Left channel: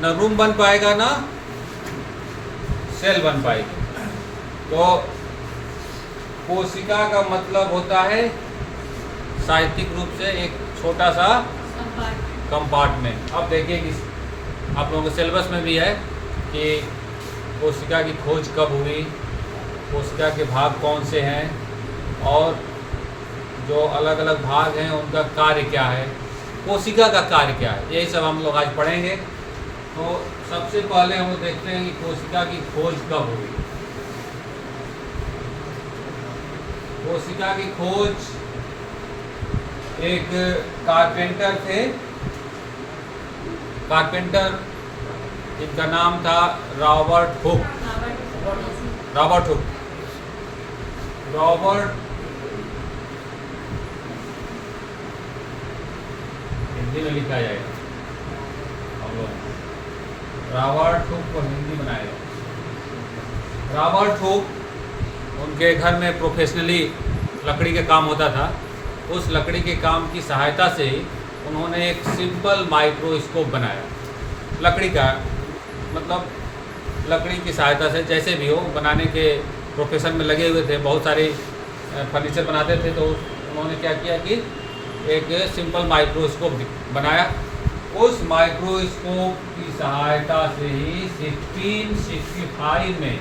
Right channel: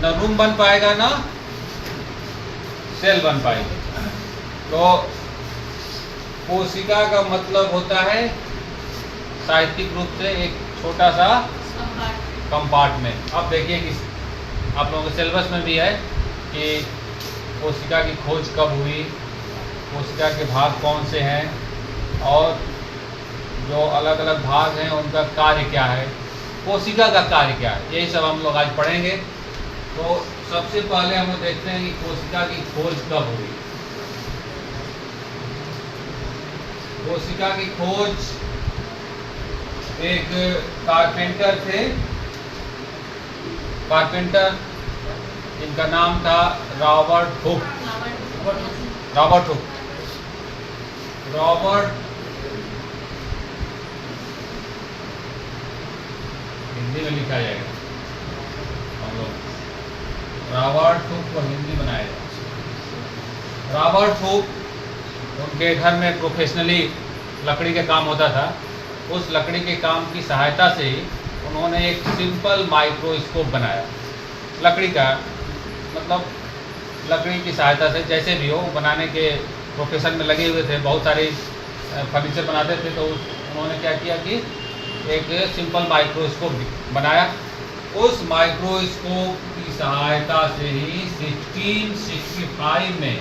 ना रूम बन पाएगा ना सेल बन पाएगी। तो कोशिका का मतलब होता है साहित्यिक रूप से एक छोटा सा कंपार्टमेंट। अब देखिए कि आप लोगों के सिलेबस में भी है कि कोशिका की खोज कब हुई, कोशिका के भाग कौन से हैं और जो अलग अलग भाग हैं उनका कार्य क्या है, कोशिका का कार्य क्या है, यही सब हम लोग आज पढ़ेंगे। तो सबसे पहले हम लोग देखते हैं कि कोशिका की खोज कब हुई। कोशिका की खोज एक कारपेंटर थे, कारपेंटर, इनका नाम था Robert Hooke. Robert Hooke, Robert, Hindi में लिखा जाएगा, हम लोग रॉबर्ट हुक को हिंदी बनाएगा। रॉबर्ट हुक, उनके घर में प्रोफेशनली लकड़ी का काम होता था। उस लकड़ी के काम की सहायता से उन्होंने एक सिंपल माइक्रोस्कोप बनाया। लकड़ी का मतलब लकड़ी की सहायता से जैसे भी हो बनाने के प्रोफेशन में लगे हुए थे, बहुत सारे फर्नीचर बनाते थे। तो उन्होंने क्या किया कि एक सिंपल माइक्रोस्कोप बनाया। उस माइक्रोस्कोप की सहायता से ही 1665 में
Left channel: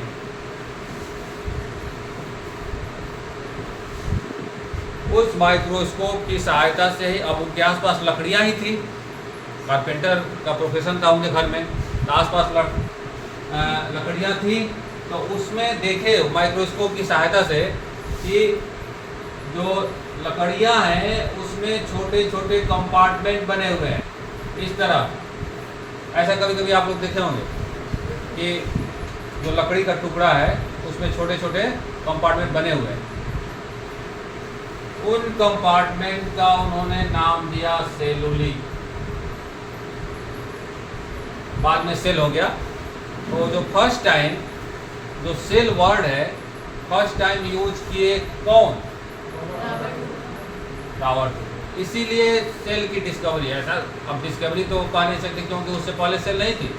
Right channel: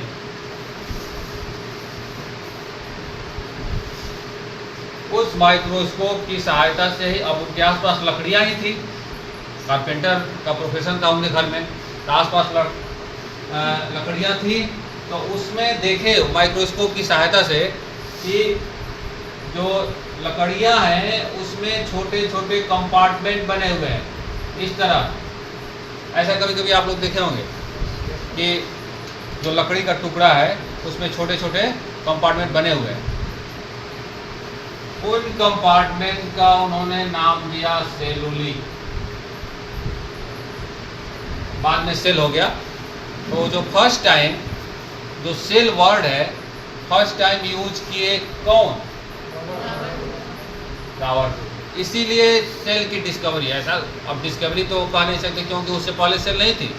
उस माइक्रोस्कोप की सहायता से ही, अब उनके आसपास लकड़ियाँ ही थी, कारपेंटर का प्रोफेशन था उनके घर में, तो आसपास लकड़ियाँ थी। तो उसमें देखे माइक्रोस्कोप की सहायता से कि जो लकड़ियाँ हैं उसमें छोटे छोटे कंपार्टमेंट बने हुए हैं इस तरह। ऐसा कभी कभी आप लोग देखे होंगे कि जो लकड़ी का टुकड़ा है उसमें छोटे छोटे कंपार्टमेंट बने हुए हैं। उन कंपार्टमेंट का उन्होंने नाम दिया सेलुली, बाद में सेल हो गया। तो जो फर्स्ट टाइम जो सेल वर्ड है फर्स्ट टाइम यूज किए कौन? रॉबर्ट। इसीलिए सेल की डिस्कवरी है। ऐसा अब डिस्कवरी तो कह नहीं सकते क्योंकि उससे पहले सेल नहीं थी,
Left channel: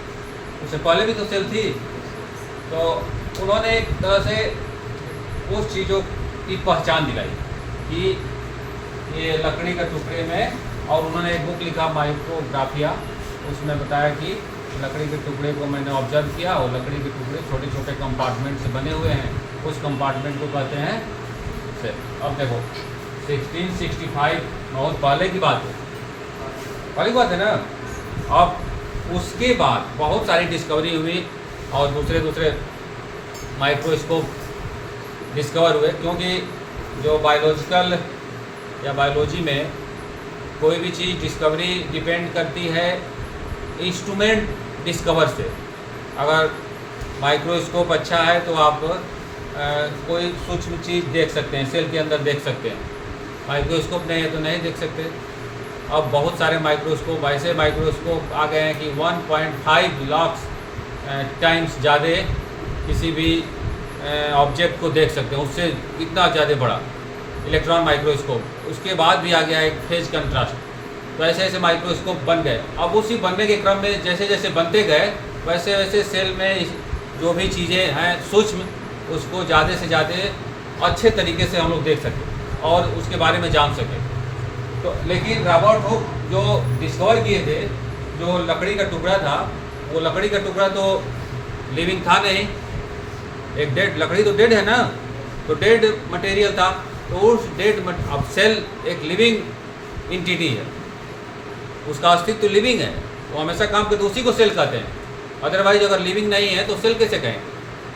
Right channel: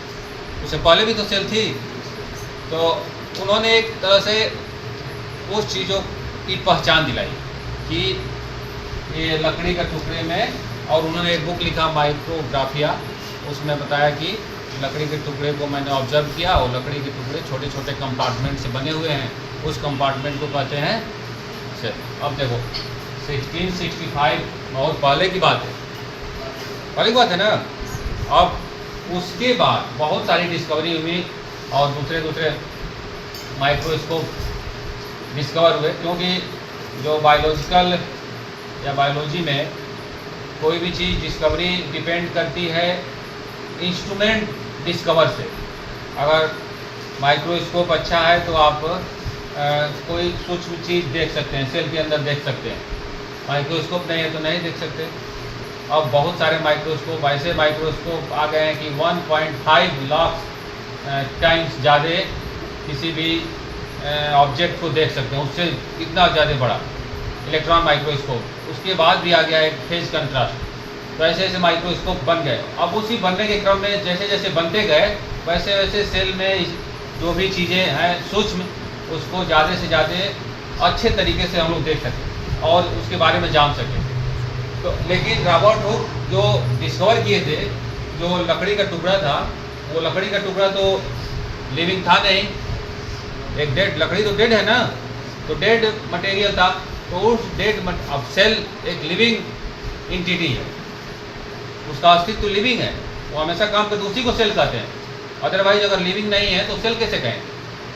उससे पहले भी तो सेल थी। तो उन्होंने एक तरह से उस चीज़ों की पहचान दिलाई कि ये लकड़ी का टुकड़े में, और उन्होंने एक बुक लिखा माइक्रोग्राफिया, उसमें बताया कि लकड़ी के टुकड़े को मैंने ऑब्जर्व किया और लकड़ी के टुकड़े छोटे छोटे कंपार्टमेंट से बने हुए हैं, उस कंपार्टमेंट को कहते हैं सेल। अब देखो 1665 बहुत पहले की बात है, पहले की बात है ना। अब उसके बाद बहुत सारी डिस्कवरी हुई और दूसरे दूसरे माइक्रोस्कोप डिस्कवर हुए, क्योंकि जो बायोलॉजिकल या बायोलॉजी में कोई भी चीज़ डिस्कवरी डिपेंड करती है इंस्ट्रूमेंट डिस्कवर से। अगर माइक्रोस्कोप अच्छा है तो आप कोई सूक्ष्म चीज़ देख सकते हैं, सेल के अंदर देख सकते हैं। माइक्रोस्कोप नहीं है तो नहीं देख सकते। अब बहुत सारे माइक्रोस्कोप, ऐसे माइक्रोस्कोप आ गए हैं कि 1.5 लाख टाइम्स ज़्यादा किसी भी ऑब्जेक्ट को देख सकते हैं, उससे इतना ज़्यादा बड़ा इलेक्ट्रॉन माइक्रोस्कोप। उसके बाद भी आ गया एक फेज कंट्रास्ट। तो ऐसे ऐसे माइक्रोस्कोप बन गए। अब उसी बनने के क्रम में जैसे जैसे बनते गए वैसे वैसे सेल में जो भी चीज़ें हैं सूक्ष्म, उसको ज़्यादा से ज़्यादा अच्छे तरीके से हम लोग देख सकें और उसके बारे में जान सकें। तो लेकिन रॉबर्ट हुक जो डिस्कवर किए थे, जो लकड़ी का टुकड़ा था, वो लकड़ी का टुकड़ा तो लिविंग था नहीं, एक डेड लकड़ी तो डेड है ना, तो डेड मटेरियल था। तो उस डेड, अब सेल एक लिविंग इंटिटी है, उसका अस्तित्व तो लिविंग है, वो हमेशा काम करते, उसी को सेल कहते हैं। अदरवाइज अगर लिविंग नहीं है तो सेल कैसे कहें?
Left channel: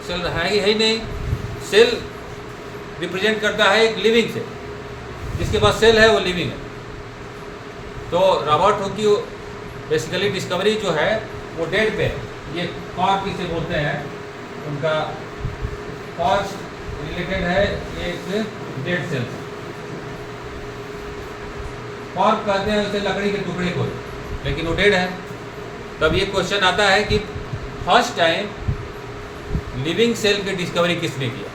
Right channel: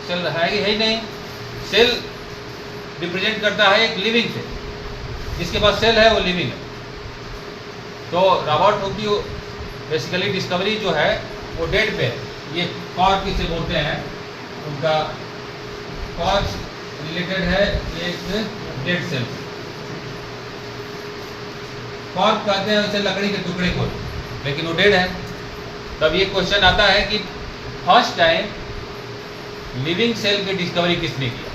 सेल है ही नहीं। सेल रिप्रेजेंट करता है एक लिविंग से, जिसके पास सेल है वो लिविंग है। तो रॉबर्ट हुक की बेसिकली डिस्कवरी जो है वो डेड पे है। ये कॉर्क किसे बोलते हैं, उनका कॉर्क रिलेटेड है एक डेड सेल। कॉर्क कहते हैं उसे लकड़ी के टुकड़े को, लेकिन वो डेड है। तब ये क्वेश्चन आता है कि फर्स्ट टाइम लिविंग सेल की डिस्कवरी किसने किया?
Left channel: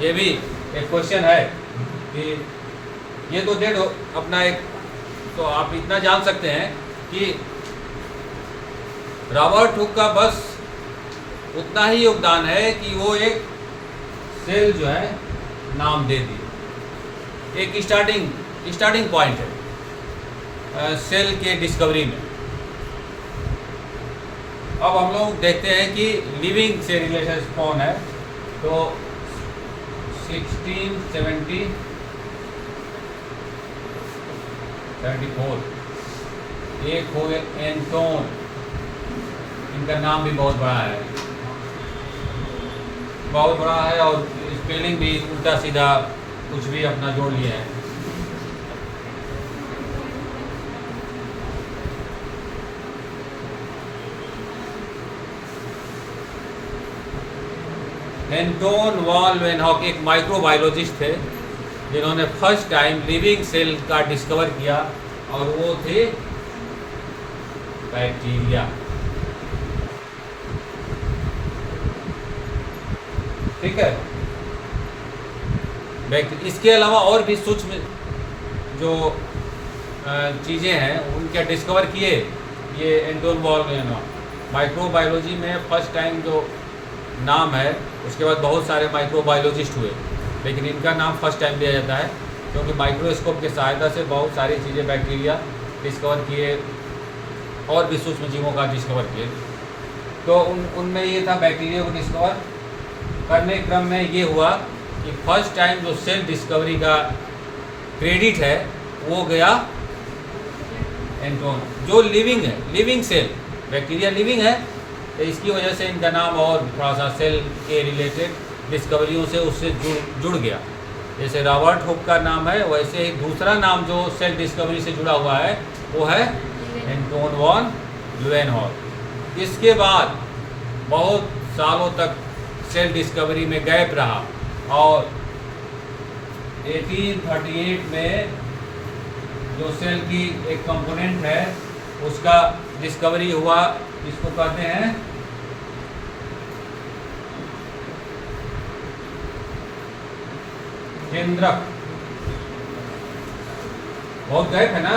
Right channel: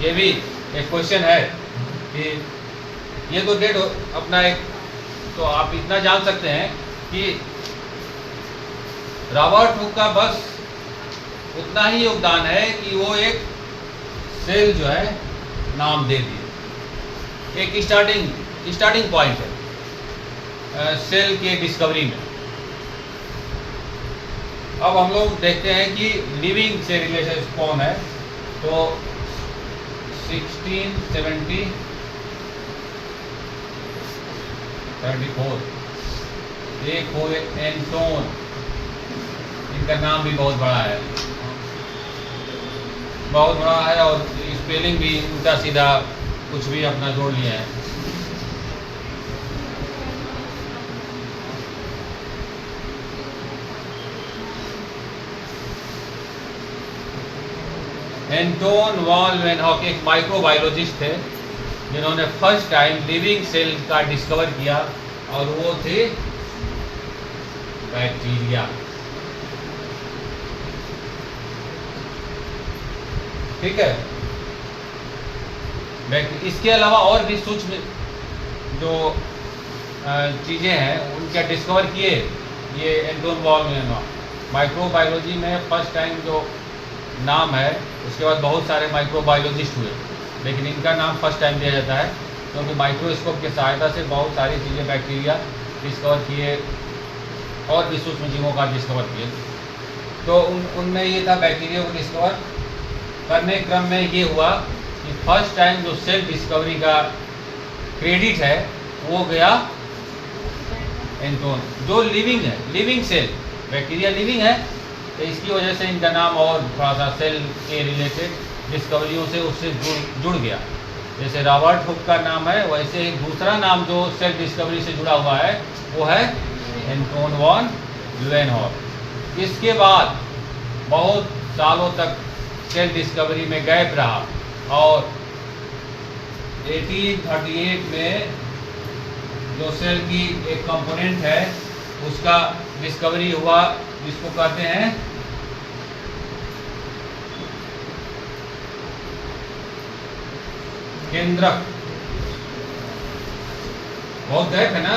ये भी एक क्वेश्चन है कि ये तो डेड अपना एक, तो आप इतना जान सकते हैं कि रॉबर्ट हुक का बस उतना ही योगदान है कि वो एक सेल जो है नाम दे दिए, एक स्टार्टिंग पॉइंट है सेल के डिस्कवरी में। अब हम लोग देखते हैं कि लिविंग से रिलेशन कौन है। तो 1674 एक हो गए एंटोन, इनका नाम भी बहुत बड़ा है, और स्पेलिंग भी उल्टा सीधा कुछ भी अपना जोड़ लिया है। एंटोन वॉन लेवेनहॉक एक माइक्रोबायोलॉजिस्ट थे जिन्होंने फर्स्ट टाइम लिविंग सेल का डिस्कवर किया, और वो थे बैक्टीरिया। ठीक है, इसके अलावा और भी सूक्ष्म जो चीज़ें हैं उनके डिस्कवर किए ये एंटोन वॉन लेवेनहॉक। माइक्रोबायोलॉजी में फर्स्ट टाइम जो नाम है, उसके बाद बहुत सारे माइक्रोबायोलॉजिस्ट हुए, लेकिन इनका नाम फर्स्ट टाइम दिया जाता है क्योंकि माइक्रोस्कोप की सहायता से बहुत सारी चीज़ें बैक्टीरिया डिस्कवर किए और भी सूक्ष्म जीवों का डिस्कवर किए। तो उनमें ये था, बैक्टीरिया को डिस्कवर करने क्रम में ये हुआ कि फर्स्ट टाइम जो सेल डिस्कवरी का क्रेडिट है वो गया एंटोन, जो लिविंग है, लिविंग सेल। बैक्टीरिया लिविंग है तो इसकी वजह से इनका नाम और थोड़ा सा सेल के रिलेटेड डिस्कवरियों से उससे जुड़ गया। जैसे रॉबर्ट हुक का नाम है, वैसे ही दूसरा नाम जो सेल डिस्कवरी से जुड़ा हुआ है वो है एंटोन वॉन लेवेनहॉक। इसके बाद बहुत सालों तक सेल डिस्कवरी में गैप रहा, और 1838 में जो सेल की एक कंपोनेंट है उसका डिस्कवरी हुआ, इसको कहते हैं केंद्रक। बहुत गैप है ना,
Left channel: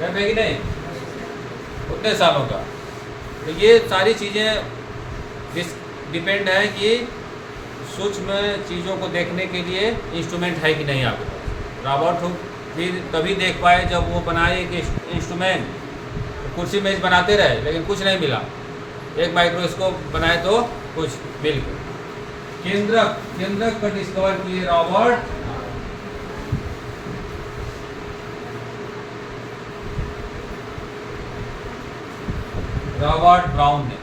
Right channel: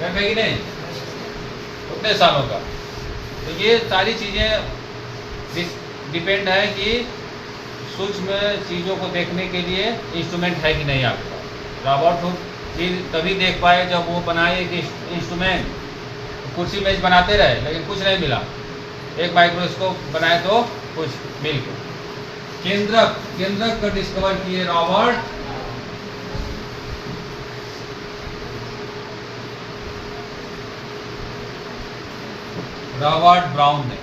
गैप है कि नहीं, उतने सालों का। तो ये सारी चीज़ें डिपेंड है कि सूक्ष्म चीज़ों को देखने के लिए इंस्ट्रूमेंट है कि नहीं आपके पास। रॉबर्ट हुक तभी देख पाए जब वो बनाए कि इंस्ट्रूमेंट, कुर्सी मेज बनाते रहे लेकिन कुछ नहीं मिला, एक माइक्रोस्कोप बनाए तो कुछ मिल गया। केंद्रक का डिस्कवर किए रॉबर्ट ब्राउन ने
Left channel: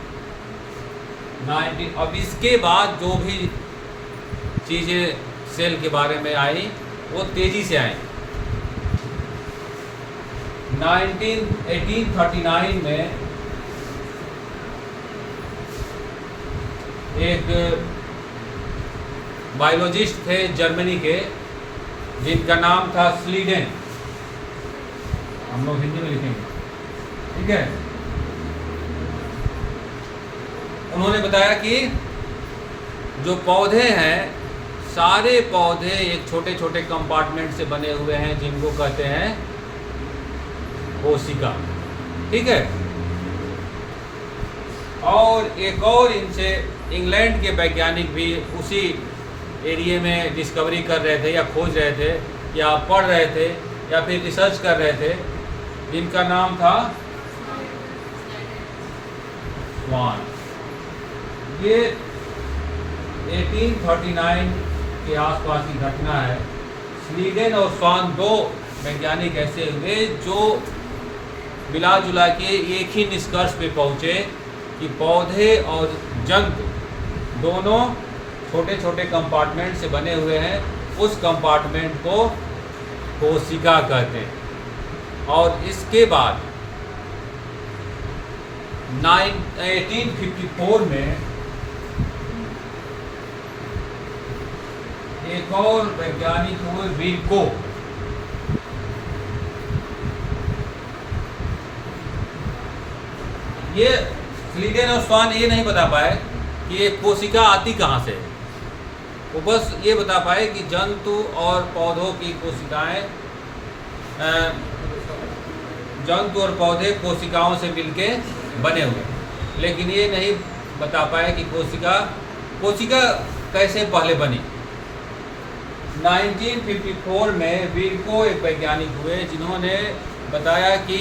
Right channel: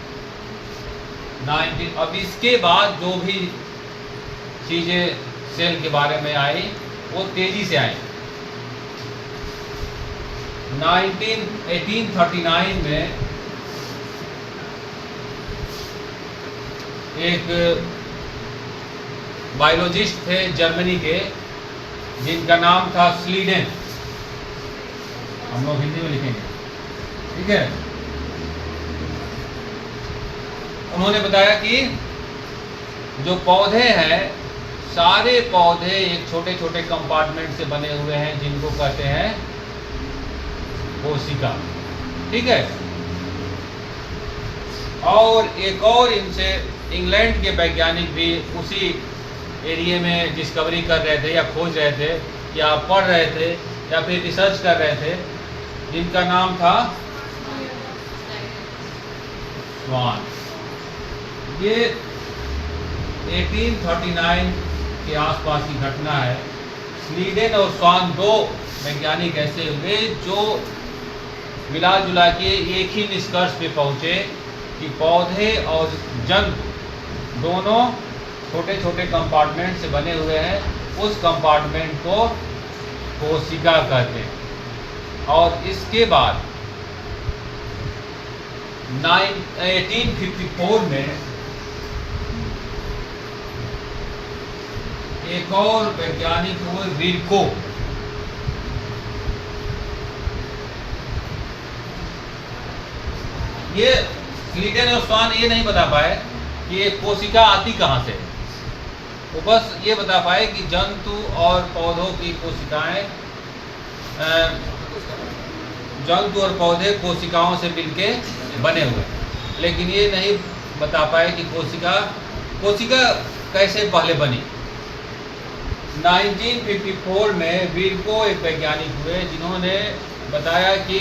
19। अब इसके बाद जो भी चीज़ें सेल के बारे में आई वो तेज़ी से आई। 1839 में एक बायोलॉजिस्ट थे जर्मनी के जिनका नाम था स्लीडेन, हम लोग हिंदी में लिखेंगे, ठीक है। उन्होंने बताया कि जो पौधे हैं, सारे पौधे एक छोटे छोटे कंपार्टमेंट से बने हुए हैं जिनको कहते हैं कोशिका, ठीक है। और एक और इनसे इंग्लैंड के वैज्ञानिक भी उसी एरिया में डिस्कवरी कर रहे थे या खोज रहे थे या पढ़ रहे थे या फिर रिसर्च कर रहे थे, जिनका नाम था स्वान। ये 1839 के आसपास की घटना है। स्लीडेन और स्वान दो वैज्ञानिक ऐसे हुए जो मिला जुला के एक ही निष्कर्ष पे पहुँचे कि पौधे और जंतु दोनों छोटे छोटे कंपार्टमेंट से बने हुए हैं। उस कंपार्टमेंट को कोशिका कहते हैं। और इसके बाद 1854 में एक और वैज्ञानिक हुए विल्को। ये स्लीडेन और स्वान ये नहीं बता पाए कि ये कोशिका आती कहाँ से है, वो बस ये बता पाए कि जंतु और पौधों की कोशिकाएं, जंतु और पौधे कोशिकाओं से मिलके बने हुए हैं। लेकिन ये नहीं बता पाए कि कोशिका कैसे पहले बनी। 1954 में विर्को एक वैज्ञानिक हुए जिन्होंने बताया कि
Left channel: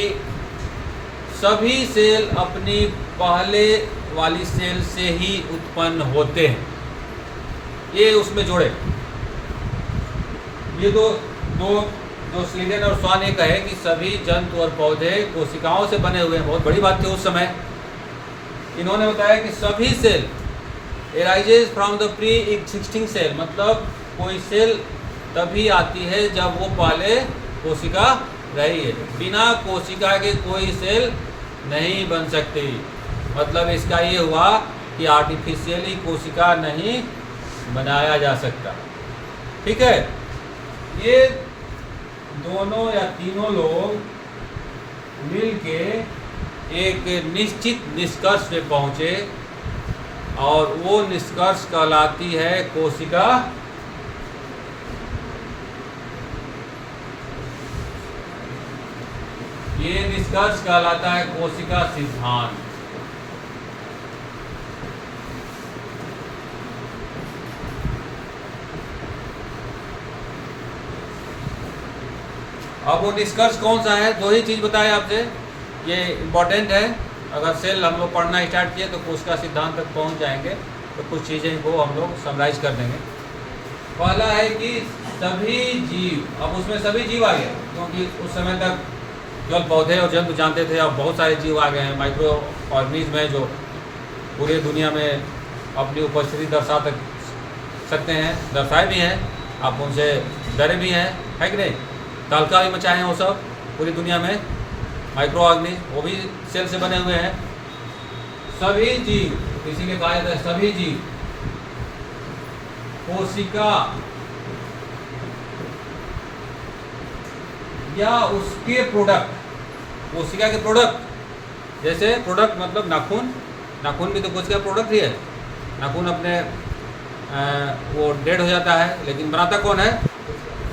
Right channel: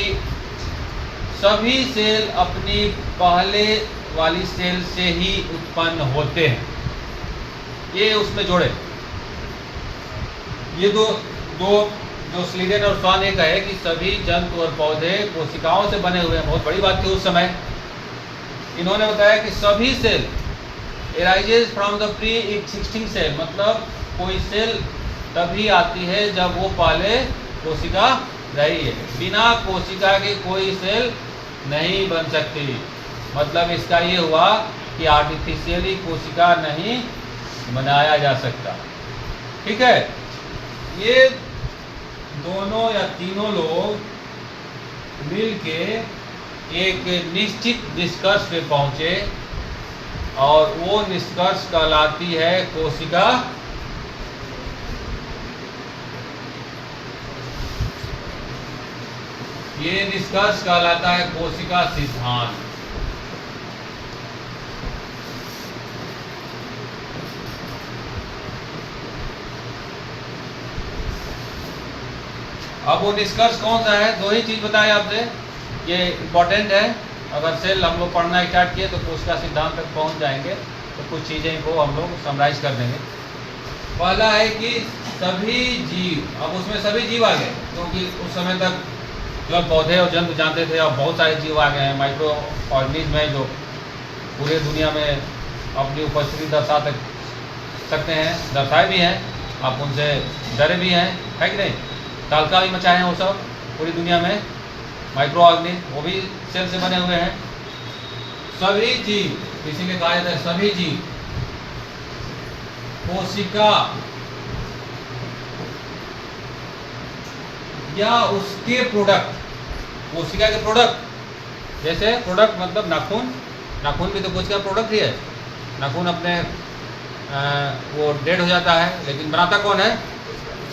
सभी सेल अपनी पहले वाली सेल से ही उत्पन्न होते हैं। ये उसमें जोड़े, ये दो जो स्लीडन और स्वान ये कहे कि सभी जंतु और पौधे कोशिकाओं से बने हुए हैं, बहुत बड़ी बात थी उस समय। इन्होंने बताया कि सभी cell arises from the pre existing cell, मतलब कोई सेल तभी आती है जब वो पहले कोशिका रही है। बिना कोशिका के कोई सेल नहीं बन सकती। मतलब इसका ये हुआ कि आर्टिफिशियली कोशिका नहीं बनाया जा सकता। ठीक है, ये दोनों या तीनों लोग मिलके एक निश्चित निष्कर्ष पे पहुँचे और वो निष्कर्ष कहलाती है कोशिका ये निष्कर्ष कहलाता है कोशिका सिद्धांत। अब वो निष्कर्ष कौन सा है? दो ही चीज़ बताए आपसे, ये इम्पोर्टेंट है। अगर सेल हम लोग पढ़ना स्टार्ट किए तो कोशिका सिद्धांत तक पहुंच जाएंगे, तो कुछ चीज़ें को हम लोग समराइज कर देंगे। पहला है कि सभी जीव, अब उसमें सभी जीव आ गए, क्योंकि उस समय तक केवल पौधे और जंतु जानते थे, अब बहुत सारे जीव आ गए हैं, माइक्रो ऑर्गेनिज्म है जो पूरे दुनिया में अपनी उपस्थिति दर्शा सकते हैं, दर्शाए भी हैं, आप उनसे डरे भी हैं, है कि नहीं? तालकाल मचाए हैं वो सब पूरी दुनिया में, माइक्रो ऑर्गेनिज्म वो भी सेल से बने हुए हैं। सभी जीव, किसी ने कहा था सभी जीव कोशिका या उसके प्रोडक्ट, कोशिका के प्रोडक्ट, जैसे प्रोडक्ट मतलब नाखून, नाखून भी तो कोशिका प्रोडक्ट ही है। नाखून अपने वो डेड हो जाता है, लेकिन बनाता कौन है?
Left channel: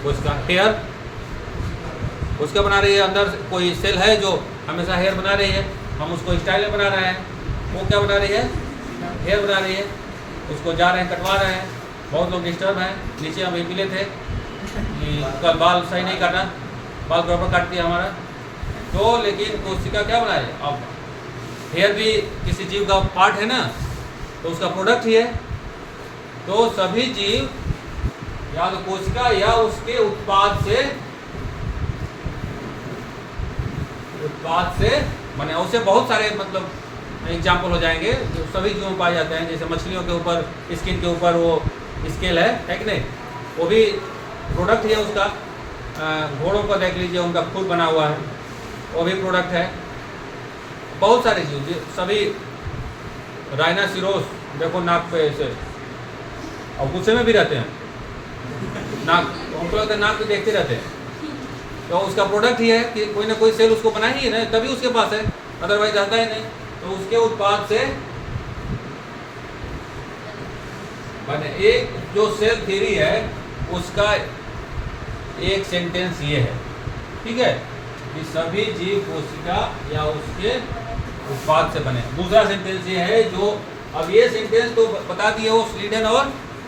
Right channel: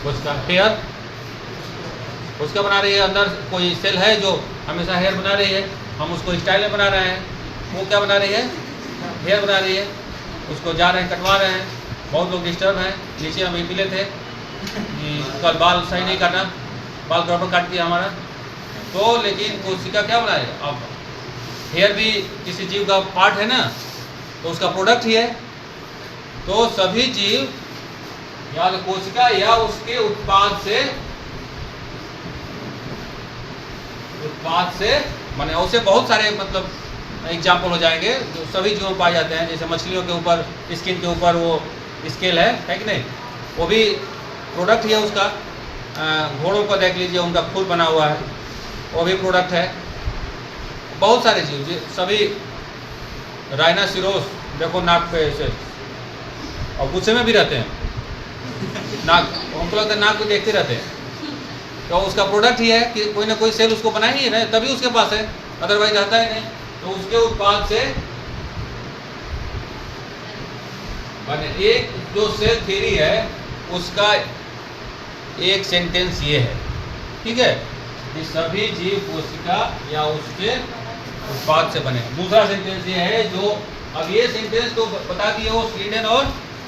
कोशिका। हेयर उसका बना रही है, अंदर कोई सेल है जो हमेशा हेयर बना रही है, हम उसको स्टाइल में बना रहे हैं, वो क्या बना रही है? हेयर बना रही है, उसको जा रहे हैं कटवा रहे हैं। बहुत लोग डिस्टर्ब हैं, नीचे हम मिले थे कि कल बाल सही नहीं काटा, बाल गड़बड़ काट दिया हमारा, तो लेकिन कोशिका क्या बनाए? अब हेयर भी किसी जीव का पार्ट है ना, तो उसका प्रोडक्ट ही है। तो सभी जीव या तो कोशिका या उसके उत्पाद से माने उसे बहुत सारे मतलब एग्जाम्पल हो जाएंगे जो सभी जीवों में पाए जाते हैं। जैसे मछलियों के ऊपर, स्किन के ऊपर वो स्केल है कि नहीं, वो भी प्रोडक्ट ही है उसका। घोड़ों को देख लीजिए, उनका खुर बना हुआ है, वो भी प्रोडक्ट है। बहुत सारे जीव, सभी राइनासिरोस देखो नाक पे ऐसे, और गुस्से में भी रहते हैं, नाक हमको लगता है नाक को देखते रहते हैं, तो उसका प्रोडक्ट ही है कि कोई ना कोई सेल उसको बनाई ही है, तभी उसके पास है, अदरवाइज रहता ही नहीं। तो उसके उत्पाद से माने एक जो सेल थ्योरी है उसका एक सेंटेंस ये है, ठीक है, कि सभी जीव कोशिका या उसके उत्पाद से बने। दूसरा सेंटेंस ये है जो, अब ये सेंटेंस तो बता दिए वो स्लीडन और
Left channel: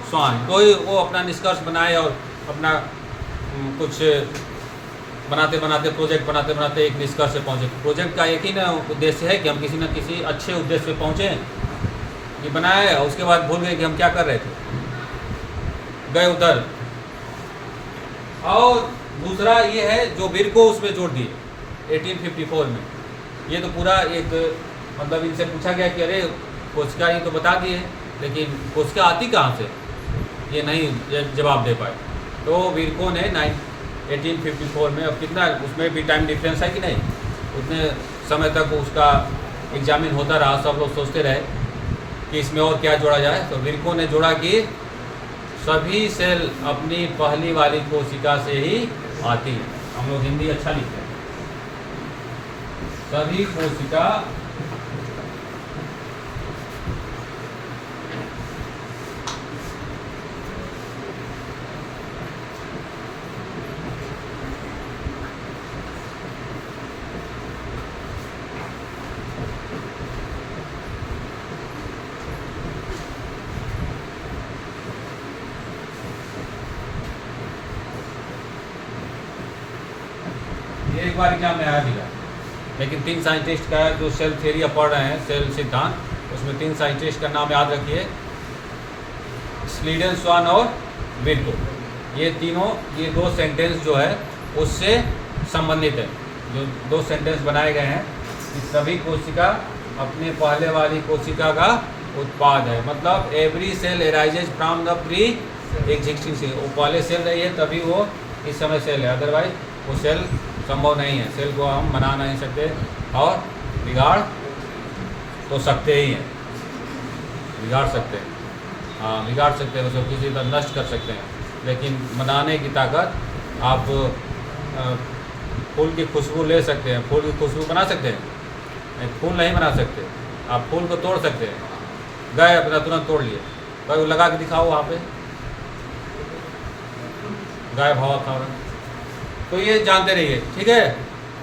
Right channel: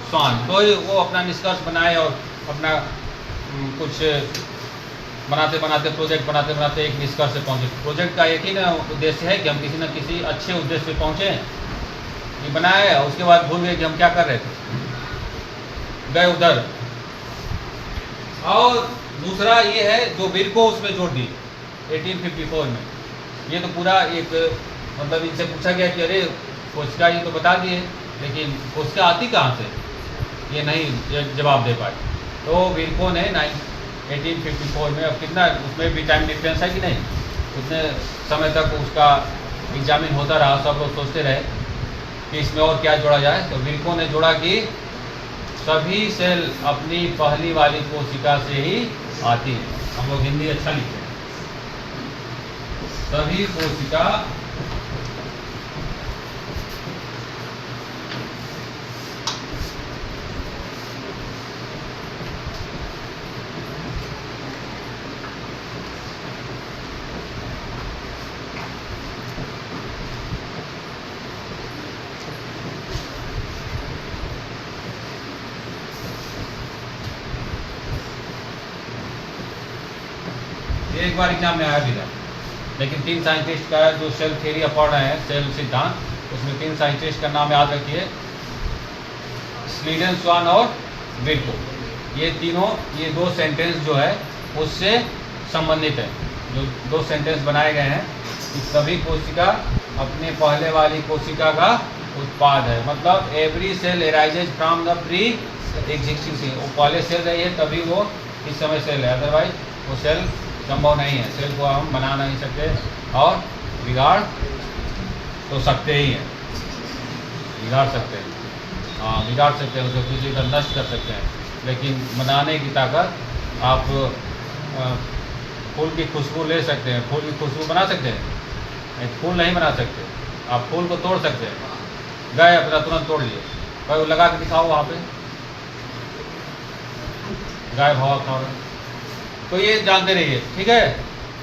स्वान, कोई वो अपना निष्कर्ष बनाए और अपना कुछ बनाते बनाते प्रोजेक्ट बनाते बनाते एक निष्कर्ष से पहुँचे। प्रोजेक्ट का एक ही ना उद्देश्य है कि हम किसी न किसी अच्छे उद्देश्य से पहुँचे, ये बनाया है, उसके बाद भूल गए कि हम क्या कर रहे थे, गए उधर। और दूसरा ये है जो विर्को उसमें जोड़ दिए 1854 में, ये तो पूरा एक मतलब इनसे पूछा गया कि अरे कोशिका ये तो बता दिए, लेकिन कोशिका आती कहाँ से, ये नहीं जवाब दे पाए। तो विर्को ने 1854 में, अब कितना उसमें भी टाइम डिफरेंस है कि नहीं, उतने समय तक उसका एग्जामिन होता रहा, सब लोग सोचते रहे कि इसमें और क्या जोड़ा जाए। तो विर्को ने जोड़ा कि सभी सेल अपनी पहली वाली कोशिका से ही आती है। हम लोग हिंदी अच्छा लिखते हैं, सभी कोशिका एक बार एग्जाम में आया भी था। लेकिन 3 साइंटिस्ट का जो सेल थ्योरी अब पढ़ रहे हैं, सेल सिद्धांत, उसमें 3 साइंटिस्ट का नाम याद रखिए, स्लीडन, स्वान और विल्को। ये तीनों, ये 2 सेंटेंस जो है उससे संबंधित है। जो 2 सेंटेंस बनाए गए हैं कि सभी कोशिका अपने पहले वाली कोशिका का उत्पाद है। मतलब every cell arises from the pre existing cell. वो पहले सेल रही है तभी वो इस समय सेल है, अदरवाइज वो सेल संभव नहीं है। सेल को हम बना नहीं सकते और बिगाड़ तो सकते ही हैं, बिगाड़ सकते हैं, हाँ बिगाड़ सकते हैं, उसको किसी तरह नष्ट कर सकते हैं। लेकिन बनाने की ताकत, आप फूल की खुशबू ले सकते हैं, फूल की खुशबू बना सकते हैं, फूल नहीं बना सकते। आप फूल को तोड़ सकते हैं, गए अपना तुरंत तोड़ लिए, कभी लगा के दिखाओ वहाँ पे, गायब हवा खा रहे हैं। तो ये जानते रहिए, ठीक है।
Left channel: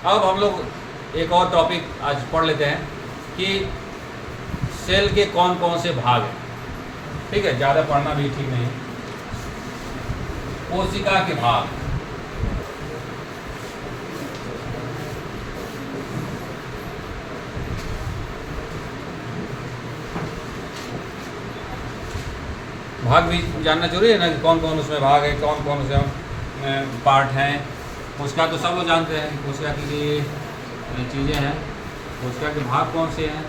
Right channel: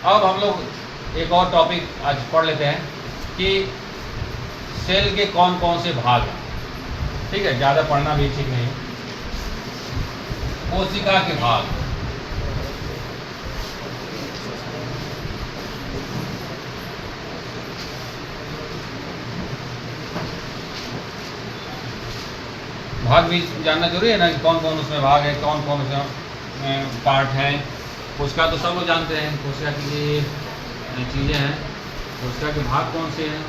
अब हम लोग एक और टॉपिक आज पढ़ लेते हैं कि सेल के कौन कौन से भाग हैं, ठीक है। ज़्यादा पढ़ना भी ठीक नहीं है। कोशिका के भाग, भाग भी जानना जरूरी है ना, कौन कौन उसमें भाग है, कौन कौन उसमें पार्ट हैं। कोशिका तो सब लोग जानते हैं, कोशिका की ये चीज़ें हैं। कोशिका के भाग कौन से हैं,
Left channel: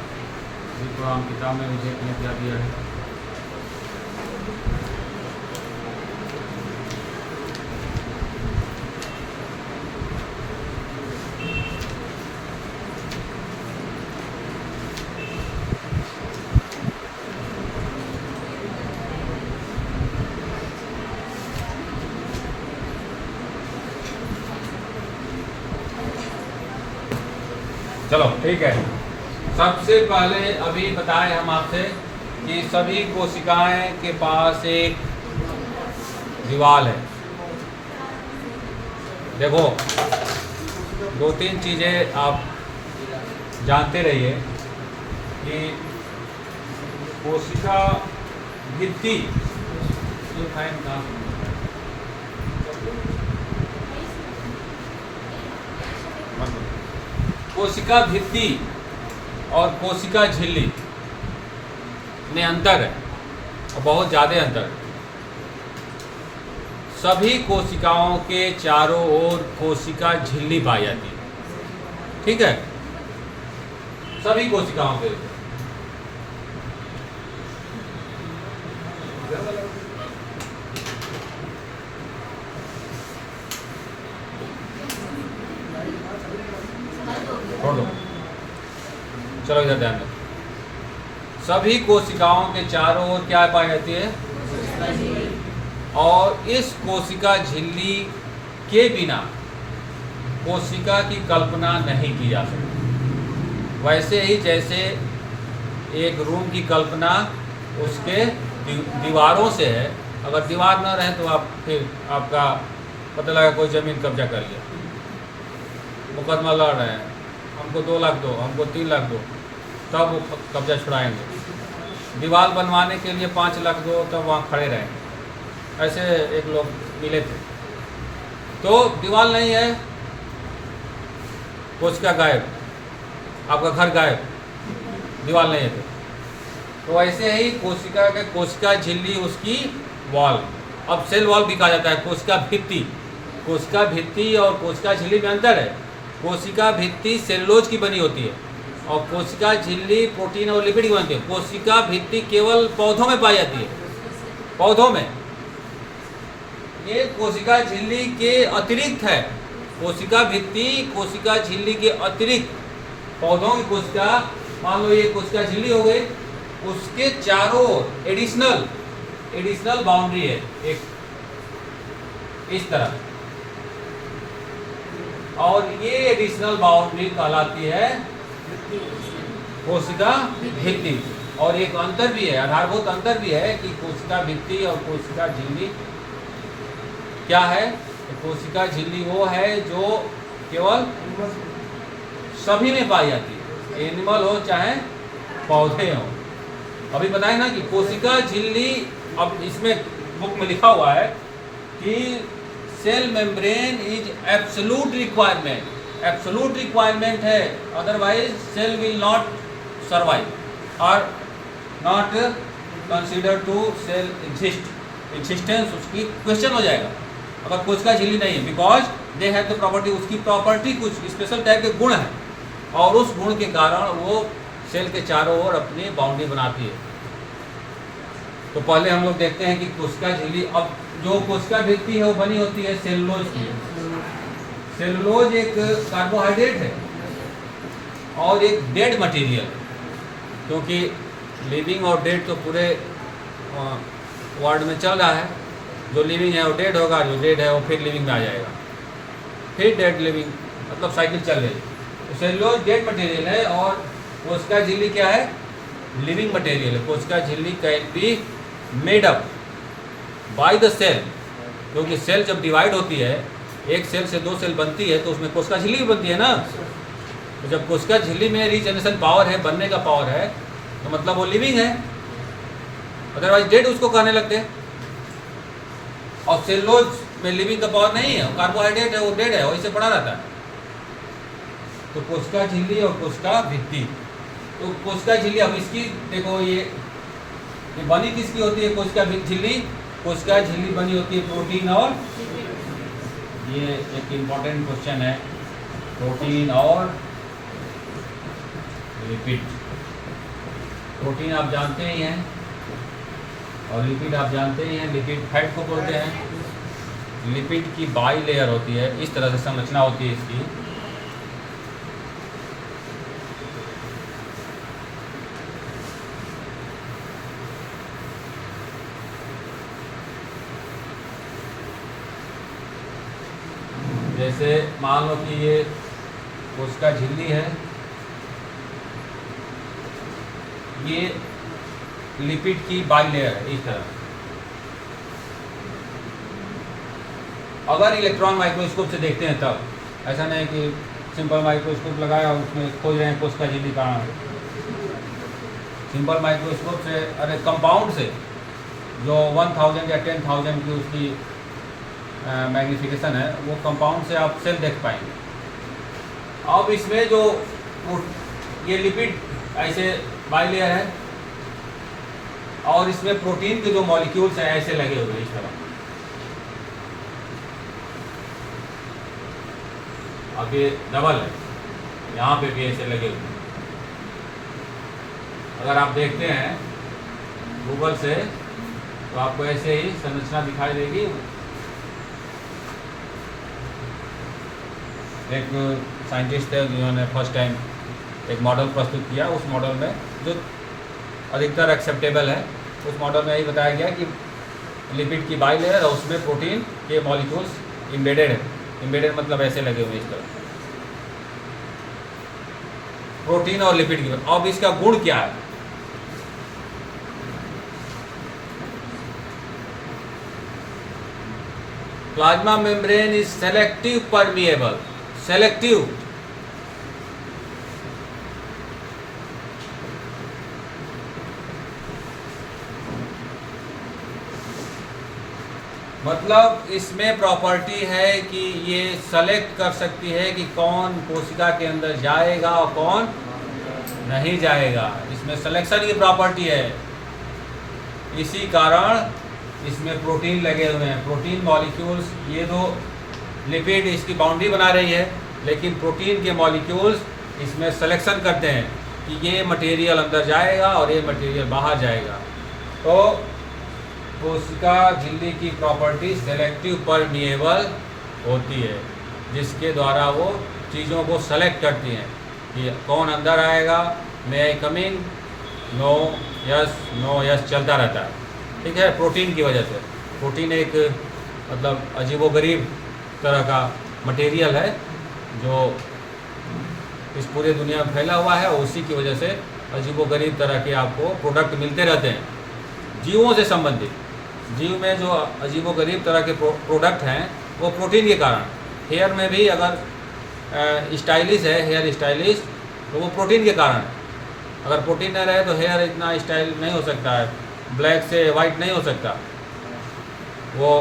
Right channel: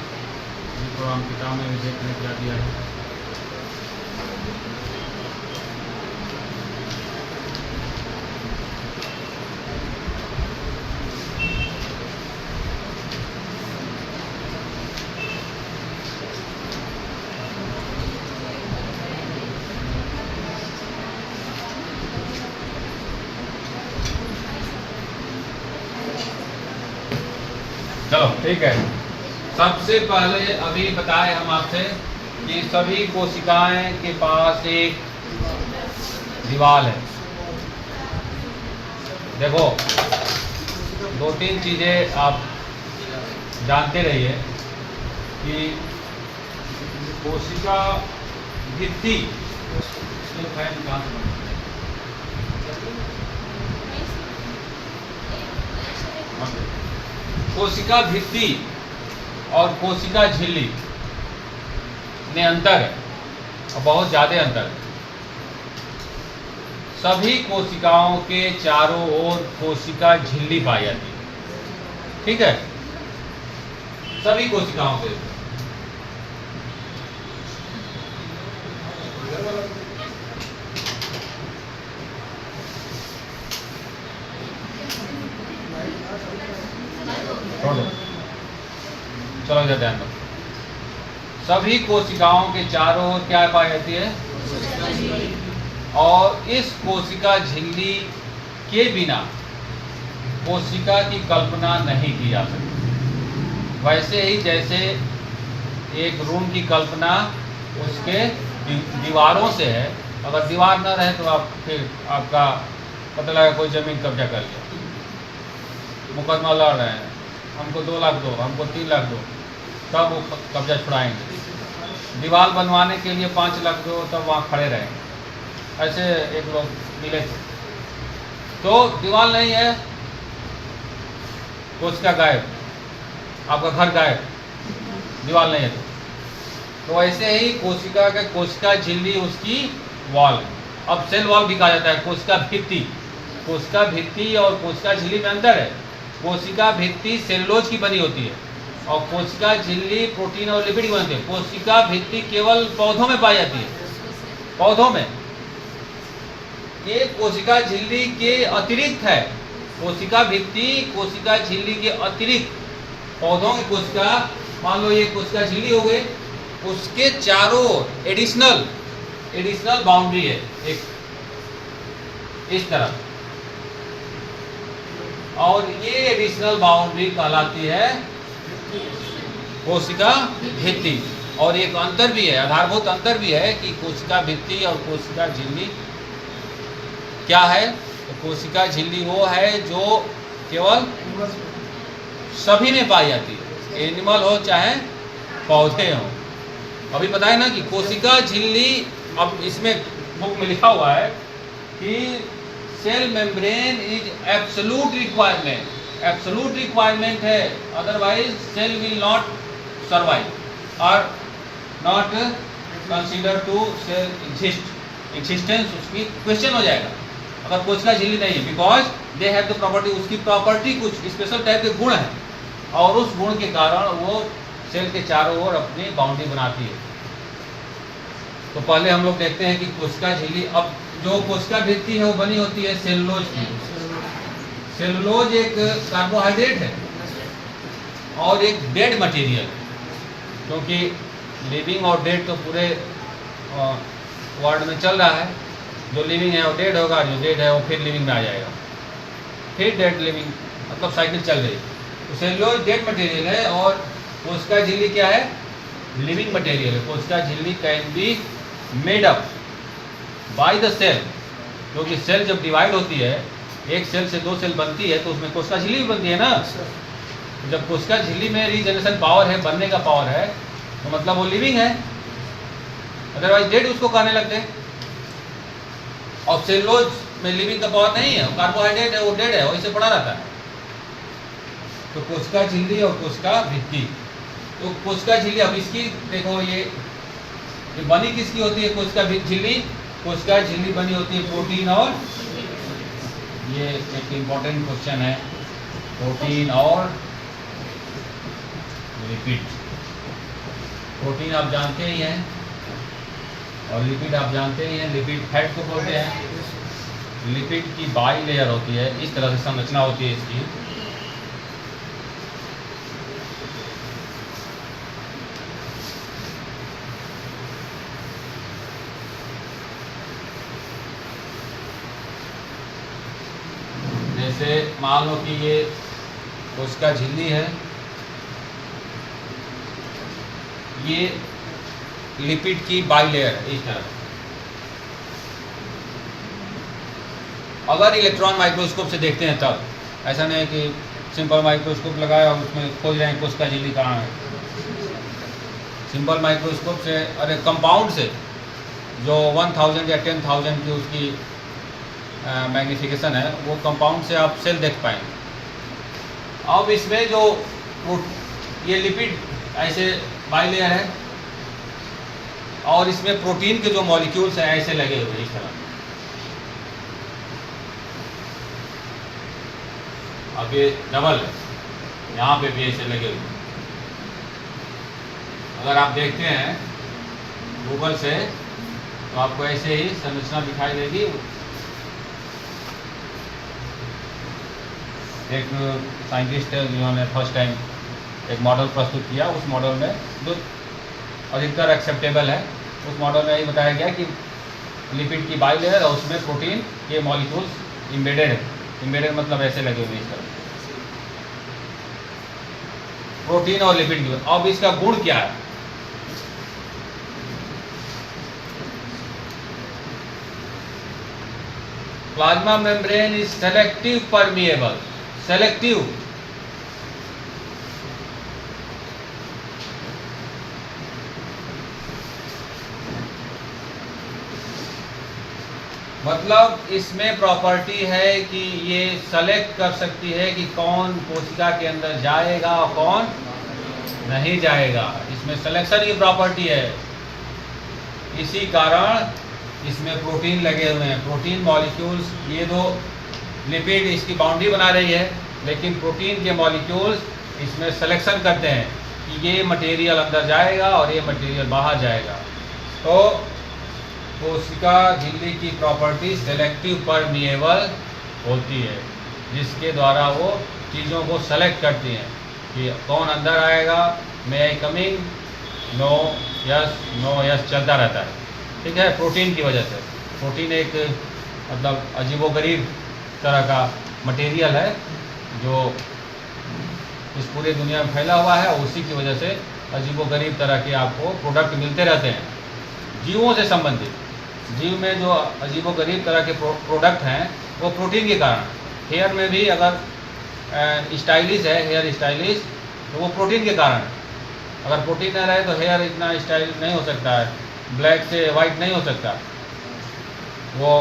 ये तो हम किताब में भी देखने क्या दिया है। चलो ठीक है। सबसे पहले अभी बताए हम आपसे कि सभी कोशिकाएं के पास एक दीवार है। देखो 2-3 चीज़ें आप जानते रहिए कि कोशिका भित्ति, कोशिका भित्ति और कोशिका झिल्ली में अंतर है, और बहुत ज़्यादा अंतर है। सभी कोशिकाओं के चारों ओर कोशिका झिल्ली पाई जाती है, ठीक है। सभी कोशिकाओं के, चलो इधर ध्यान दो। सभी कोशिकाओं के चारों ओर क्या पाई जाती है, और इस कोशिका झिल्ली के बिना कोशिका की कल्पना नहीं की जा सकती। वैसे ही जैसे एक रूम की कल्पना उसके दीवारों से है, अगर दीवार न रहे तो आप फिर आपका पता लगा कोई ज़मीन कब्जा कर लिया, मुकदमा लड़ रहे हैं, हमको 2 लाख दो, हमको 3 लाख दो, तब वो कब्जा छुड़ाएंगे। दीवार बनवाने के लिए 5 लाख दो, तब वहाँ खड़े रहेंगे। ऐसे एक लोग मिले थे, तो दीवार नहीं है, कोशिका गायब, आपका घर गायब, दीवार नहीं है तो ऐसे ही कोशिका का कोशिका झिल्ली उसकी वॉल। अब सेल वॉल भी कहा जाता है, कोशिका भित्ति। कोशिका भित्ति और कोशिका झिल्ली में अंतर है। कोशिका भित्ति सेलुलोज की बनी होती है और कोशिका झिल्ली प्रोटीन और लिपिड की बनती है। कोशिका भित्ति केवल पौधों में पाई जाती है, पौधों में। ये कोशिका झिल्ली के अतिरिक्त है। कोशिका भित्ति कोशिका झिल्ली के अतिरिक्त पौधों की कोशिका, मान लो ये कोशिका झिल्ली हो गई, उसके चारों एडिशनल बाउंड्री है एक इस तरह, और ये एडिशनल बाउंड्री कहलाती है कोशिका भित्ति। और एक अंतर भी है, आधारभूत अंतर भी है कि कोशिका भित्ति और कोशिका झिल्ली क्या है। तो कोशिका झिल्ली वो है जो केवल सभी में पाई जाती है, एनिमल हो चाहे पौधे हों। अभी बताए ना कि कोशिका झिल्ली, अब इसमें बुक में लिखा हुआ है कि cell membrane is absolute requirement absolute requirement है, otherwise cell will not survive और not consider to cell existence उसकी क्वेश्चन हो जाएगा अगर कोशिका झिल्ली नहीं है, because they have the property, उसकी प्रॉपर्टी कुछ स्पेशल टाइप के गुण हैं और उस गुण के कारण वो सेल के चारों ओर अपनी बाउंड्री बनाती है। तो पहले हम लोग देखते हैं कि कोशिका झिल्ली, अब जो कोशिका भित्ति है वो बनी होती है सेलुलोज की। सेलुलोज एक कार्बोहाइड्रेट है और एक डेड मटेरियल, क्योंकि लिविंग और डेड तो पूरे वर्ल्ड में चल रहा है। जो लिविंग है वो डेड होगा, जो डेड है वो फिर लिविंग में आ जाएगा, फिर डेड लिविंग, मतलब साइकिल चल रही। तो सेलुलोज डेड मटेरियल है और कोशिका झिल्ली क्या है? लिविंग मटेरियल है। कोशिका झिल्ली can be made up by the cell, क्योंकि सेल जब डिवाइड होती है, एक सेल से दो सेल बनती है, तो उसमें कोशिका झिल्ली भी बनती है ना। तो जब कोशिका झिल्ली में रीजनरेशन पावर है, बनने का पावर है, तो मतलब वो लिविंग है, अदरवाइज डेड उसको कहने लगते हैं। और सेलुलोज में लिविंग का पावर नहीं है, कार्बोहाइड्रेट है, वो डेड है, वैसे पड़ा रहता है। तो कोशिका झिल्ली और कोशिका भित्ति, तो कोशिका झिल्ली, अब इसकी देखो ये बनी किसकी होती है? कोशिका झिल्ली, कोशिका झिल्ली बनी होती है प्रोटीन और, ये एक इम्पॉर्टेंट क्वेश्चन है, प्रोटीन और लिपिड। प्रोटीन आप जानते ही हैं और लिपिड आप जानते ही हैं। लिपिड फैट को बोलते हैं। लिपिड की बाई लेयर होती है, इस तरह से संरचना होती है इसकी। जैसे मान लो कि ये कोशिका झिल्ली है, ये लिपिड की बाई लेयर है इस तरह। अगर इलेक्ट्रॉन माइक्रोस्कोप से देखते हैं तब, ऐसा नहीं है कि सिंपल माइक्रोस्कोप लगाया उसमें खोज रहे हैं कोशिका झिल्ली कहाँ है। सिंपल माइक्रोस्कोप से, अरे कंपाउंड से जो 1000 या 10,000 की उसकी मैग्नीफिकेशन है, वो कंपाउंड से आप सेल देख पाएंगे। अब इसमें जो ये लिपिड ऐसे बाई लेयर है और इसमें प्रोटीन के जो मॉलिक्यूल्स हैं ऐसे लगे हुए हैं इस तरह। अब ये डबल है, यहाँ पे भी ऐसे लगे हुए हैं। अगर आप देखते हैं गूगल से तो आपको ऐसे ही संरचना दिखाई देगी। एक साइंटिस्ट है जिन्होंने फर्स्ट टाइम एक मॉडल प्रस्तुत किया, उस मॉडल में जो अधिकतर एक्सेप्टेबल है, उस मॉडल में यही बताया गया कि लिपिड की बाई लेयर और उसमें प्रोटीन के मॉलिक्यूल्स इम्बेडेड है। इम्बेडेड मतलब ऐसे लगे हुए इस तरह, प्रोटीन और लिपिड की। अब इसका गुण क्या है? Plasma membrane is selective permeable. Selective मतलब इसमें प्रॉपर्टी है कि ये सेलेक्ट कर सकती है कि कौन कोशिका के अंदर जाएगा और कौन नहीं जाएगा। इसमें सिलेक्शन की प्रॉपर्टी है। इसी कारण इसमें प्रोटीन लगे हुए हैं, प्रोटीन मॉलिक्यूल्स। ये दो लिपिड इसकी बाउंड्री बना रही है, लेकिन प्रोटीन के मॉलिक्यूल्स इसमें सिलेक्शन करते हैं कि ये मटेरियल अंदर जाएगा और ये मटेरियल बाहर जाएगा। तो कोशिका झिल्ली की प्रॉपर्टी सेलेक्टिव परमिएबल होती है, जिसके द्वारा वो चीज़ों को सेलेक्ट करती हैं कि कौन अंदर आएगा, मे आई कमिंग, नो यस चलता रहता है। ठीक है, प्रोटीन की वजह से। प्रोटीन एक मतलब अजीबोगरीब तरह का मटेरियल है जो इस पूरी दुनिया में फैला हुआ है, उसी की वजह से अजीबोगरीब तरह के आपको प्रोडक्ट मिलते रहते हैं जीवों से संबंधित। जीव में जो अजीबोगरीब तरह के प्रोडक्ट हैं वो प्रोटीन के कारण। हेयर में भी अगर स्टाइलिश है, हेयर स्टाइलिश, तो वो प्रोटीन के कारण। अगर प्रोटीन न रहे तो हेयर इतना स्टाइल नहीं हो सकता है, ब्लैक से वाइट नहीं हो सकता। वो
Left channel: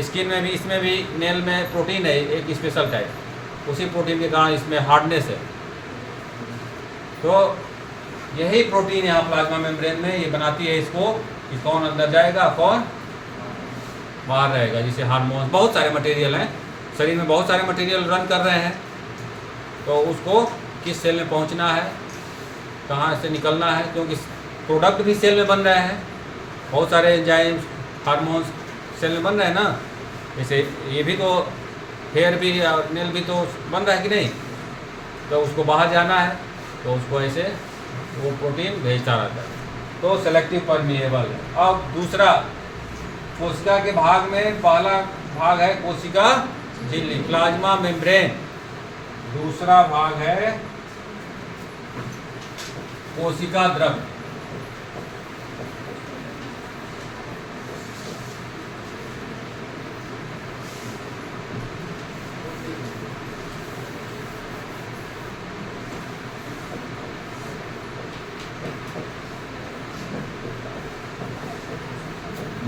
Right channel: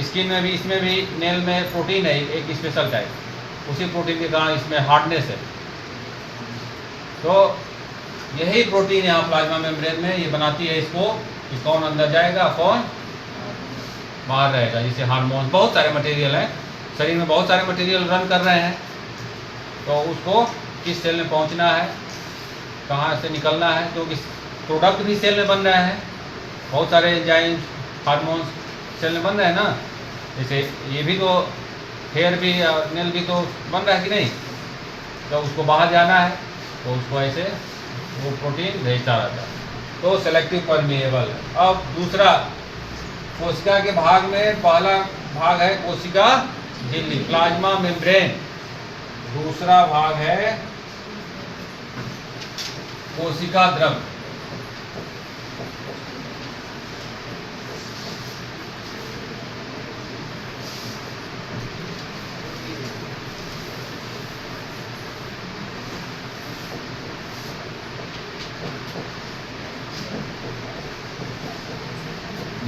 स्किन में भी, इसमें भी, नेल में प्रोटीन है एक स्पेशल टाइप। उसी प्रोटीन के कारण इसमें हार्डनेस है। तो यही प्रोटीन यहाँ प्लाज्मा मेम्ब्रेन में ये बनाती है इसको कि कौन अंदर जाएगा कौन बाहर रहेगा। जैसे हार्मोन, बहुत सारे मटेरियल हैं शरीर में, बहुत सारे मटेरियल रन कर रहे हैं, तो उसको किस सेल में पहुँचना है, कहाँ से निकलना है, क्योंकि प्रोडक्ट भी सेल में बन रहे हैं, बहुत सारे एंजाइम्स हार्मोन्स सेल में बन रहे हैं ना। जैसे ये भी तो हेयर भी और नेल भी तो बन रहा है कि नहीं, तो उसको बाहर जाना है तो उसको ऐसे वो प्रोटीन भेजता रहता है। तो सेलेक्टिव परमिएबल। अब दूसरा, कोशिका के भाग में पहला भाग है कोशिका झिल्ली प्लाज्मा मेम्ब्रेन, दूसरा भाग है कोशिका द्रव।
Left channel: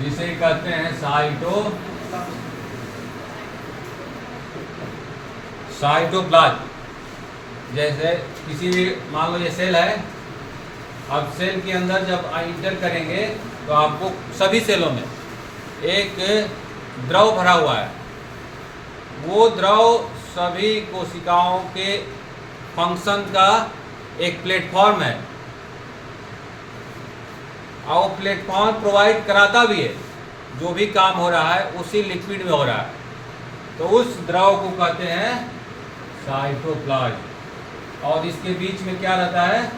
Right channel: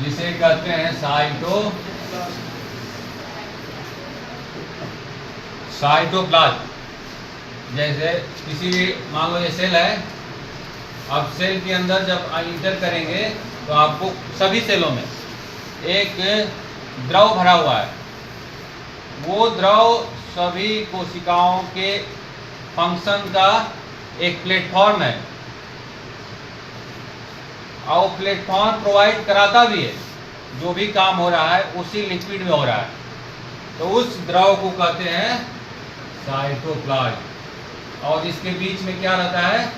जिसे कहते हैं साइटोप्लाज्म। जैसे किसी भी, मान लो ये सेल है, अब सेल के अंदर जब इंटर करेंगे तो आपको सभी सेलों में एक द्रव भरा हुआ है। वो द्रव सभी कोशिकाओं के फंक्शन का एक प्लेटफॉर्म है और प्लेटफॉर्म प्रोवाइड कराता भी है। जो भी काम हो रहा है उसी लिक्विड में हो रहा है, तो उस द्रव को कहते हैं साइटोप्लाज्म। और इसके बीच में क्या रहता है,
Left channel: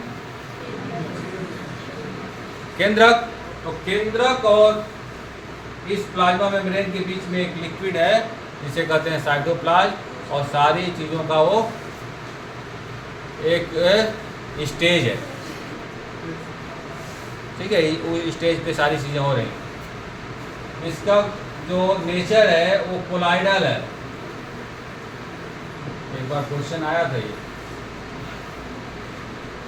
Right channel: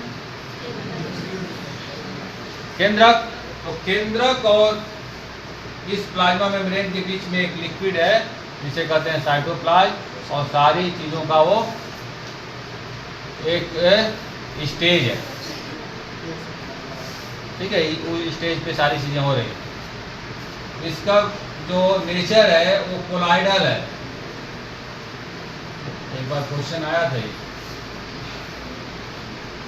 केंद्रक। तो केंद्रक और इस प्लाज्मा मेम्ब्रेन के बीच में एक लिक्विड है जिसे कहते हैं साइटोप्लाज्म, और सारी चीज़ों का वो एक स्टेज है, ठीक है, वो स्टेज पे सारी चीज़ें हो रही हैं। इसका जो नेचर है वो कोलाइडल है। एक बार क्वेश्चन आया था ये,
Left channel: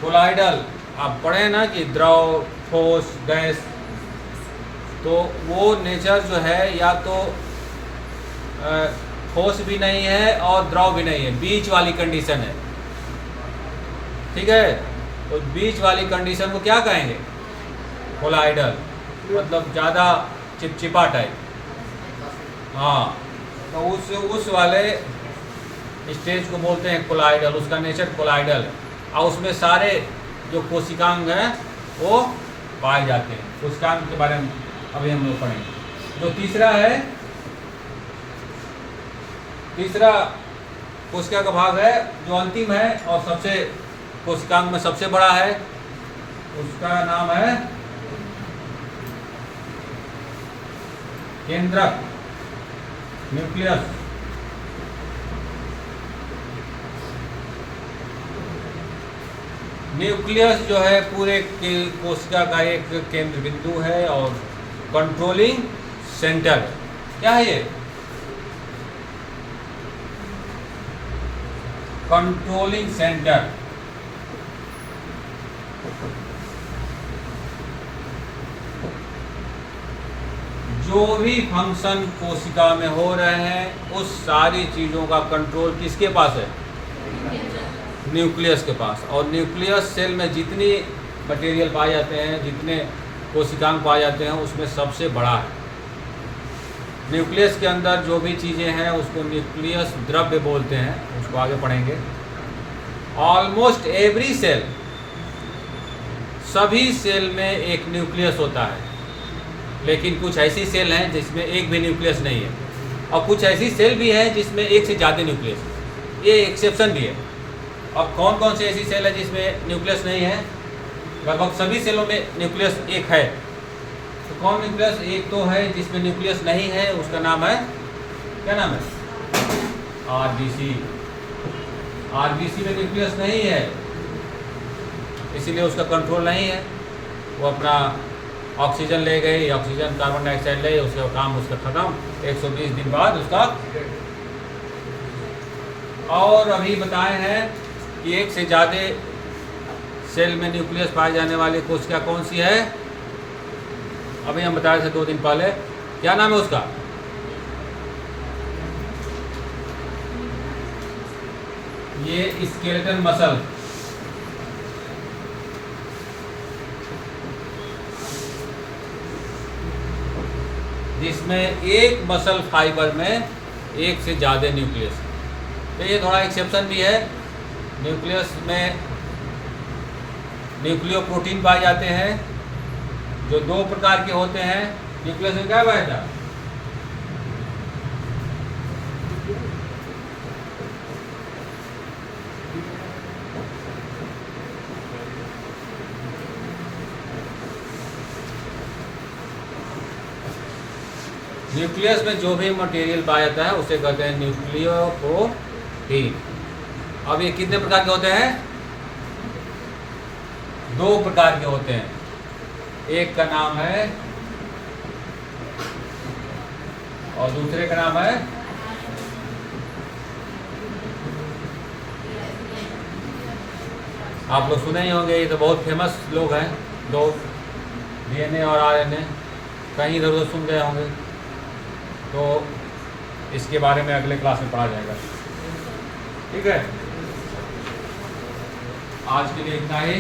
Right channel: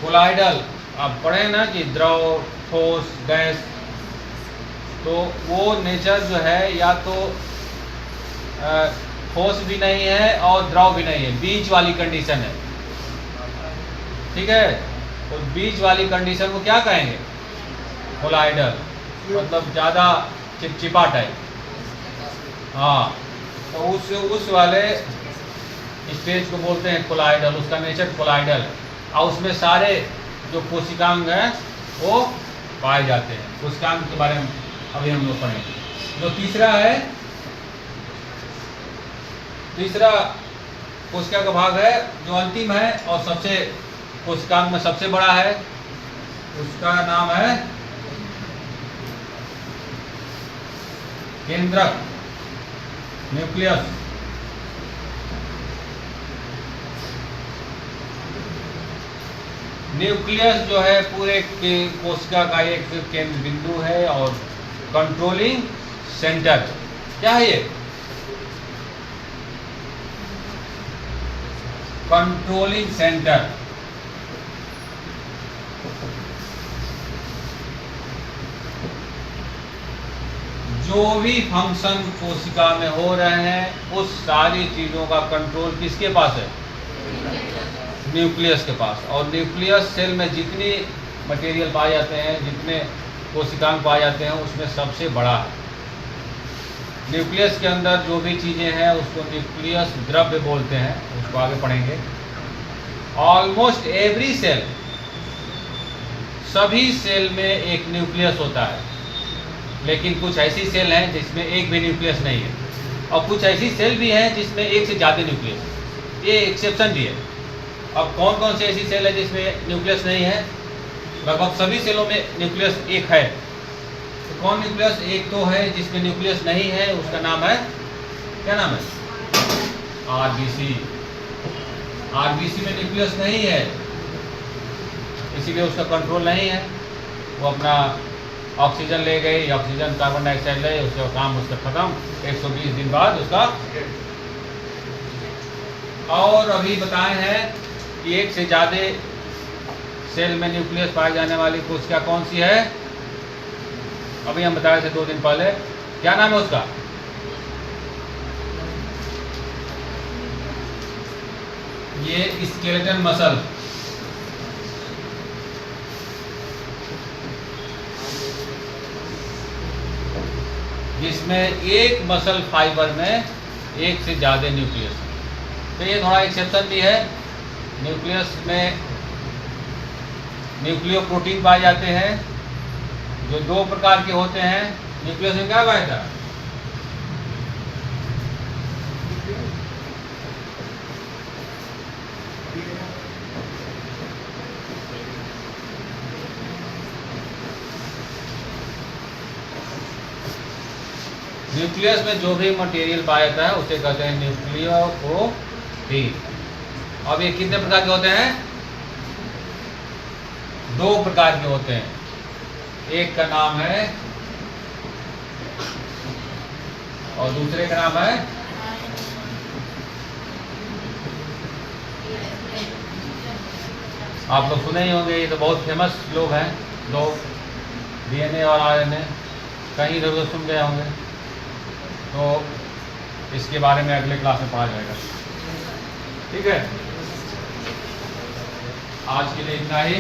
कोलाइडल आप पढ़े ना कि द्रव ठोस गैस, तो वो नेचर जो है या तो ठोस भी नहीं है और द्रव भी नहीं है, बीच वाली कंडीशन है, ठीक है। तो बीच वाली कंडीशन को क्या कहेंगे, कोलाइडल, मतलब ज़्यादा चिपचिपा टाइप। हाँ, तो उस वाले स्टेज को बोलते हैं कोलाइडल, उसका नेचर कोलाइडल, और उसमें सारे जो कोशिकांग हैं वो पाए जाते हैं। कोशिकांग के बारे में अभी हम लोग पढ़ेंगे। जो तीसरा कोशिका का भाग है जो अंतिम है और सबसे कोशिकांग में सबसे बड़ा है, उसका नाम है केंद्रक, न्यूक्लियस। न्यूक्लियस जो है पूरे कोशिका का एक केंद्र बिंदु है और कंट्रोलिंग सेंटर। क्या है ये, कंट्रोलिंग सेंटर। जो भी फंक्शन कोशिका में हो रहे हैं उस सारी चीज़ों का कंट्रोल किसके पास है, न्यूक्लियस के पास। और न्यूक्लियस सेल में जितनी मटेरियल पाए जाते हैं, जितने कोशिकांग पाए जाते हैं, उसमें सबसे बड़ा है। न्यूक्लियस के अंदर जो भी चीज़ें हैं उसको न्यूक्लियस द्रव्य बोलते हैं, उसको आगे पढ़ेंगे। ऑलमोस्ट एवरी सेल, सभी सेल में एक न्यूक्लियस होता है, लेकिन कुछ ऐसी सेल हैं जिसमें एक भी न्यूक्लियस नहीं है, और कुछ ऐसी सेल भी हैं जिसमें एक से ज़्यादा न्यूक्लियस है, ये एक्सेप्शन भी है। अब कौन कौन सी ऐसी सेल है जिसमें न्यूक्लियस नहीं है, लगभग सभी सेलों में न्यूक्लियस एक है। तो कौन न्यूक्लियस एक तो है जिसमें न्यूक्लियस नहीं है, उसका नाम है, क्या नाम है, आरबीसी। आरबीसी में न्यूक्लियस नहीं है, इसीलिए उसका कंट्रोल नहीं है। वो अपना ऑक्सीजन ले गई, ऑक्सीजन कार्बन डाइऑक्साइड ले, उसका काम उसका खत्म, 120 दिन बाद उसका। और अभी बताए हैं कि एक से ज़्यादा सेल में न्यूक्लियस पाए जाने वाली कोशिका कौन सी है, अभी हम बताए थे 2 दिन पहले, क्या नाम है उसका, ये स्केलेटल मसल, जिसमें एक मसल फाइबर में एक से ज़्यादा न्यूक्लियस है। तो ये थोड़ा एक्सेप्शन भी है। न्यूक्लियस में न्यूक्लियोप्रोटीन पाए जाते हैं जो दो प्रकार के होते हैं। न्यूक्लियस में क्या पाया था? न्यूक्लियस में जो भी मटेरियल पाया जाता है उसे कहते हैं न्यूक्लियोप्रोटीन। अब ये कितने प्रकार के होते हैं? दो प्रकार के होते हैं। एक का नाम है और दूसरे का नाम है आप लोग सुने ही होंगे, ये तो बहुत फेमस लोग हैं दो, डीएनए और आरएनए, कहीं इधर उधर सुन गए होंगे। तो इसके बारे में अगले क्लास में पढ़ा जाएगा। ठीक है, आज के लिए इतना ही।